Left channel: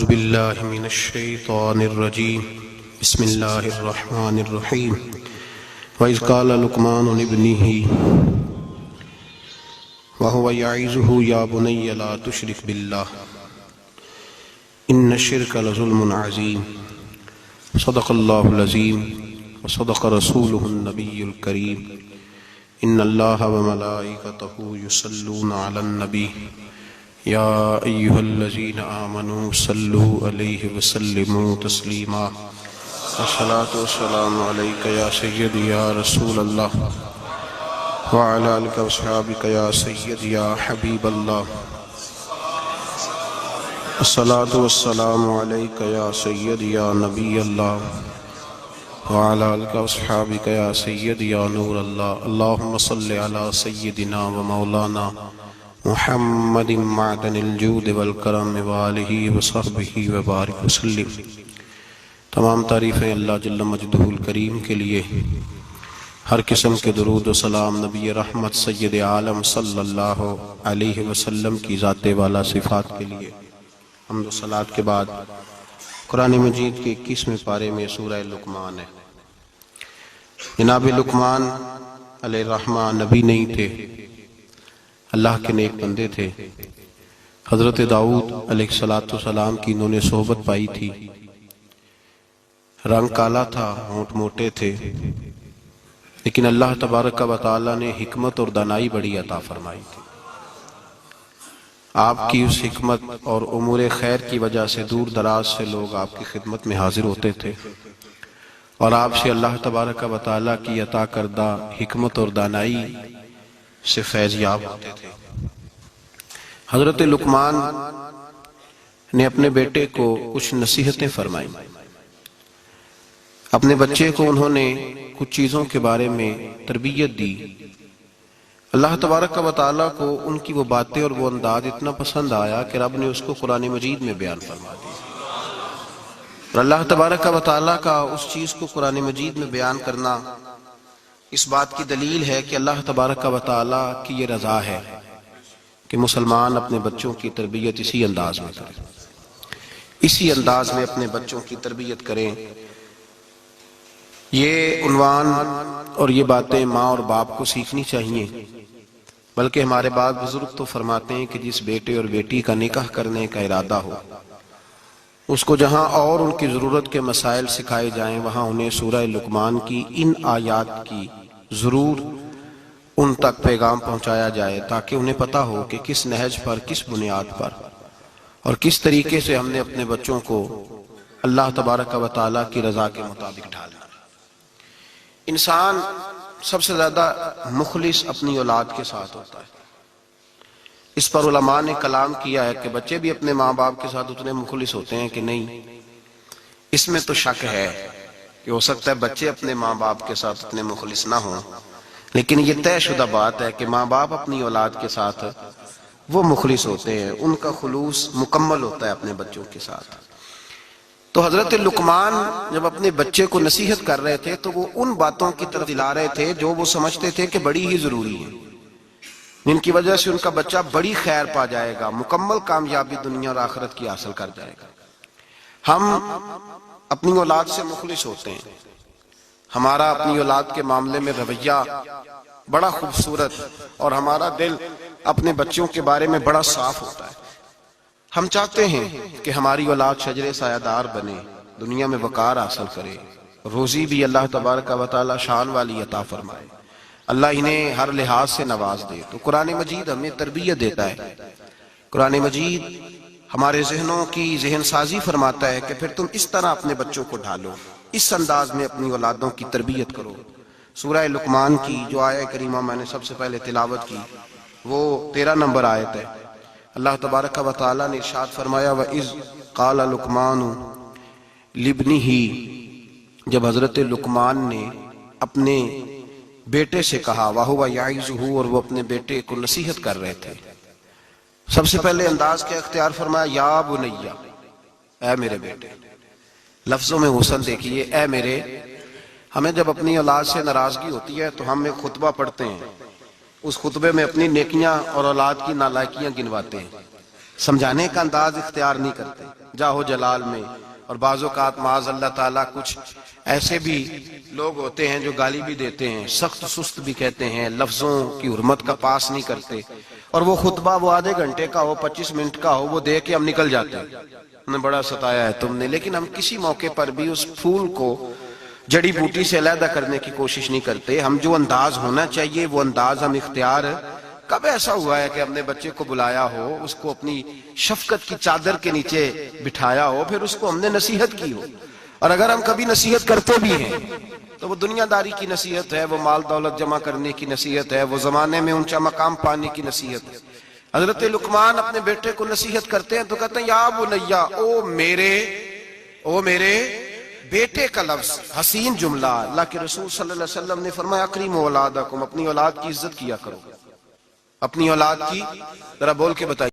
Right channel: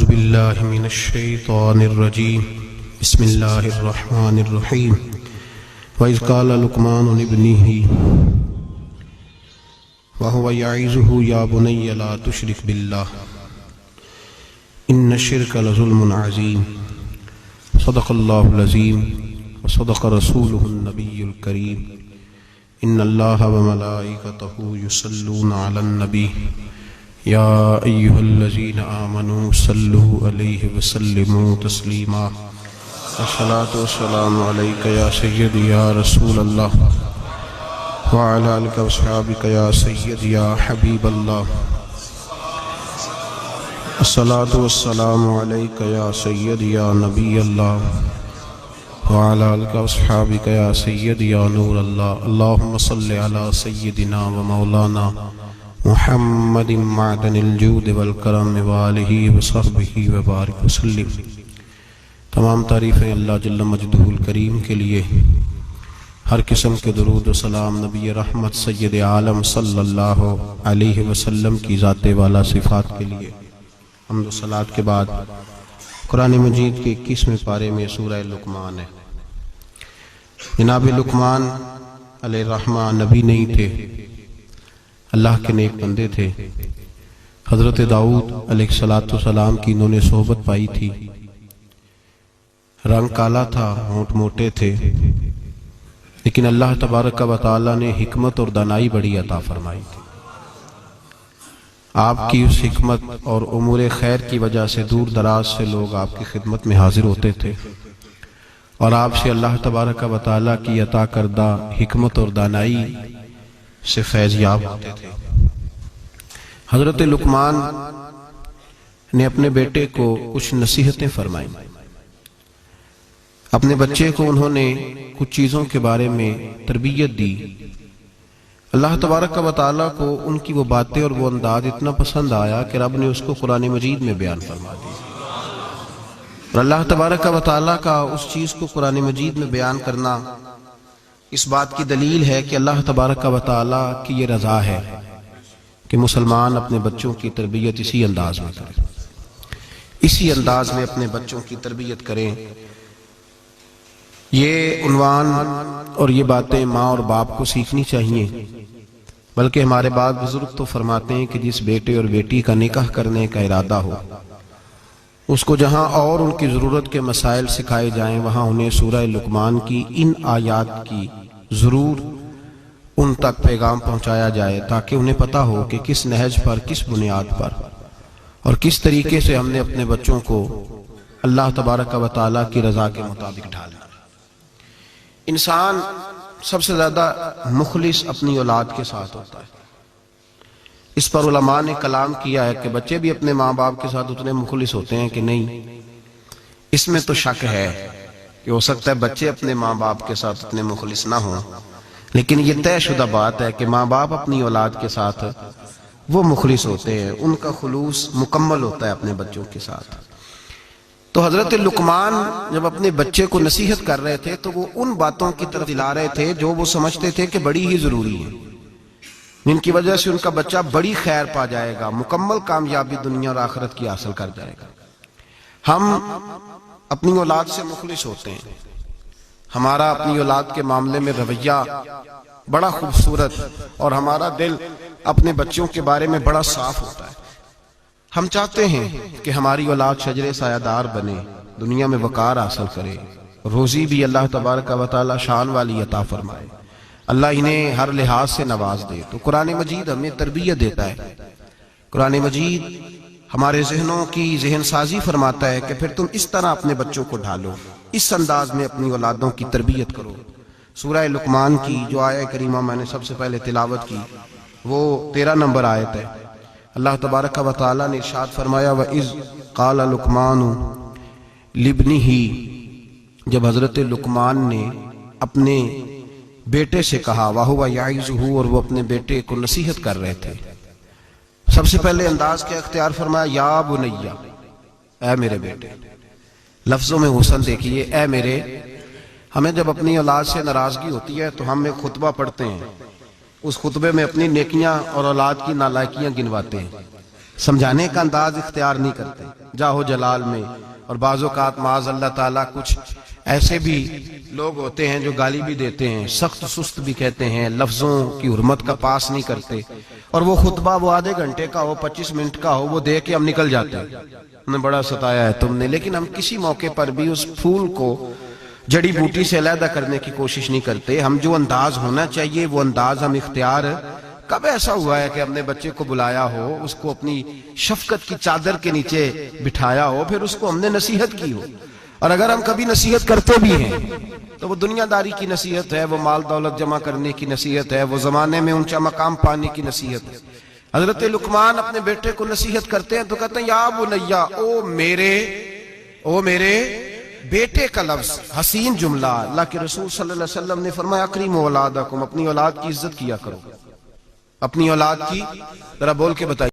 أعوذ بالله من الشيطان الرجيم بسم الله الرحمن الرحيم وإذ قال لقمان لابنه وهو يعظه يا بني لا تشرك بالله إن الشرك لظلم عظيم صدق الله العظيم وصدق رسوله النبي الكريم إن الله وملائكته يصلون على النبي يا أيها الذين آمنوا صلوا عليه وسلموا تسليما الصلاة والسلام عليك يا سيدي يا رسول الله وعلى آلك وصحبك يا سيدي يا حبيب الله الصلاة والسلام عليك يا سيدي يا نبي الله وعلى آلك وصحبك يا سيدي يا نور الله اللهم صل على سيدنا ومولانا محمد معدن الجود والکرم وآلہ وصحبہ وبارک وسلم۔ تمام تعریفیں اللہ جل مجدہ الکریم کے لیے، ہر قسم کے درود و سلام نبی رحمت سید عالم صلی اللہ علیہ وسلم کی ذات والا صفات کے لیے۔ حمد و صلاۃ کے بعد قرآن مجید کے 21ویں پارے میں سورہ لقمان ہے۔ جناب لقمان علیہ الرحمہ نبی نہیں تھے، اللہ کے نیک بندے تھے۔ حضرت داؤد علیہ السلام کی انہوں نے صحبت پائی تھی۔ رنگ کالا تھا، ہونٹ موٹے تھے، لیکن اللہ تبارک و تعالی نے حکمت اور دانائی بڑی عطا فرمائی تھی۔ آپ کی اس حکمت اور امور خیر کی وجہ سے دور دراز سے لوگ آپ کی خدمت میں حاضر ہوتے تھے اور آپ سے اللہ تبارک و تعالی کی عطا کردہ حکمت اور دانائی سے فیض یاب ہوتے تھے۔ حضرت لقمان نے اپنے بیٹے کو کچھ نصیحتیں فرمائیں۔ اپنے بچے کو انہوں نے کچھ چیزوں کے بارے میں تربیت دی۔ اللہ تبارک و تعالیٰ کو ان کی وہ باتیں اور وہ انداز اتنا پسند آیا کہ رب نے اس کو قرآن مجید میں بیان فرما دی۔ اور اللہ تبارک و تعالیٰ کا اس چیز کو قرآن مجید میں بیان کرنا اس بات کی دلیل ہے کہ اللہ تبارک و تعالیٰ کی یہ رضا ہے کہ مسلمان اپنے بچوں کی تربیت اسی انداز میں کریں، اسی انداز میں اپنے بچوں کی تربیت کریں۔ یہ عنوان اور یہ باتیں ماں اور باپ کو سیکھنی چاہیے، بلکہ ہمارے بعض بزرگ تو فرماتے ہیں کہ جس بیٹے اور بیٹی کا نکاح کرنے کا ارادہ ہو، اس کو جہاں اور ان کی ضرورت کے مسائل سکھائے جائیں، وہاں انہیں سورہ لقمان کی ان آیات کی ضرور ان تک پیغام پہنچایا جائے، تاکہ انہیں پتہ ہو کہ کس نہج پر، کس بنیاد پر اور کس طریقے سے ہم نے اپنے بچوں کو اللہ تبارک و تعالیٰ کی رضا کے مطابق ڈھالنا۔ انسان سب سے زیادہ مخلص اپنی اولاد کے ساتھ ہوتا ہے۔ اس پر علماء نے کلام کیا ہے کہ بچے بھی اپنے ماں باپ کے ساتھ اتنے مخلص ہوتے ہیں کہ نہیں۔ اس میں تو شک ہے کہ ہو سکتا ہے بچے اپنے ماں باپ کے ساتھ اتنے مخلص نہ ہوں، لیکن یہ طے شدہ بات ہے کہ ماں باپ اپنی اولاد کے ساتھ وہ مخلص ہوتے ہیں، ان کا خلوص مکمل ہوتا ہے اپنے بچوں کے ساتھ۔ تو حضرت لقمان جب اپنے بچے کو نصیحت کر رہے تھے تو وہ ان باتوں کی طرف دلا رہے تھے جو وہ سمجھتے تھے کہ بڑی ہی ضروری ہے، جن کی وجہ سے ان کا بچہ بڑی خیر پا جائے گا، مکمل کامیابی دنیا اور آخرت کی حاصل کر جائے گا۔ ہم اپنی اولاد سے مخلص ہوتے ہیں، ہمارا اپنی اولاد کے معاملے میں رویہ بڑا خوبصورت اور ہمارا دل اپنے بچوں کے بارے میں بڑا صاف ہوتا ہے۔ ہم چاہتے ہیں کہ ہماری اولاد شجر سایہ دار بنے، دنیا میں وقار حاصل کرے، روزی بھی اللہ تبارک و تعالی شان والی عطا فرمائے، اللہ انہیں ہر لحاظ سے نواز دے۔ تو قرآن مجید ہمیں تربیت دیتا ہے، قرآن مجید ہمارے ذہنوں کی ذہن سازی فرماتا ہے کہ پھر تم اس طرح اپنے بچوں کو ڈھالو، اس انداز میں اپنی اولادوں کی تربیت کرو۔ سورہ لقمان کی جو آیہ کریمہ میں نے سب سے پہلے تلاوت کی وہ 13 نمبر آیت ہے۔ اللہ تبارک و تعالیٰ نے ارشاد فرمایا وَإِذْ قَالَ لُقْمَانُ لِابْنِهِ، جب حضرت لقمان نے اپنے بیٹے سے کہا، وَهُوَ يَعِظُهُ، اور وہ اپنے بیٹے کو نصیحت کر رہے تھے۔ سب سے پہلے انداز کیا اختیار فرمایا، یا بنیہ، اے میرے بیٹے۔ لفظوں میں حسن دیکھیے، اے میرے۔ ہمیں جب اپنی اولاد سے ناراضگی ہوتی ہے تو ہم ایک خطبہ پڑھتے ہیں، اس خطبے میں اپنی نیکیاں اور اولاد کی نالائکیاں گنواتے ہیں۔ سمجھانے کا انداز اختیار نہیں کرتے جاہو جلال میں. اور بعض اوقات معاذ اللہ تعالیٰ کچھ ایسے بھی لوگ ہوتے ہیں جو گالی بھی دیتے ہیں، سخت سست بھی کہتے ہیں، لفظوں کی حرمت کا پاس نہیں کرتے، اور وہ خطبہ وہ آدھے گھنٹے کا ہو 25 منٹ کا ہو وہ دے کے ہم نکل جاتے ہیں، ہم نے بڑا ستایا ہے تم نے. لیکن ہم کسی موقع پر بھی اس پھول کو جڑی بوٹی سے علیحدہ کرنے کی کوشش نہیں کرتے. ہم جو انداز ہونا چاہیے وہ انداز ہم اختیار. کب ایسا ہوا ہے کہ اپنے بچے کو بلایا ہو، اس کو اپنی شفقت کی چادر کے نیچے بٹھایا ہو، پھر اس کو ہم نے نصیحت کی ہو؟ اور اگر ہم کبھی نصیحت کرتے بھی ہیں تو وہ دنیا داری کی نصیحت ہے، وہ مال دولت جمع کرنے کی نصیحت ہے، وہ زمانے میں اونچا مقام پانے کی نصیحت ہے. حضرت لقمان اپنے بیٹے کو نصیحت کرتے ہیں تو کہتے ہیں یا بنیا، او میرے بیٹے کا لفظ حسین جملہ. اللہ کے رسول صلی اللہ علیہ وسلم نے فرمایا اکریموا اولادکم، اپنی اولاد کی عزت کیا کرو. اپنی اولاد کی ذرا بول کے بتائیے.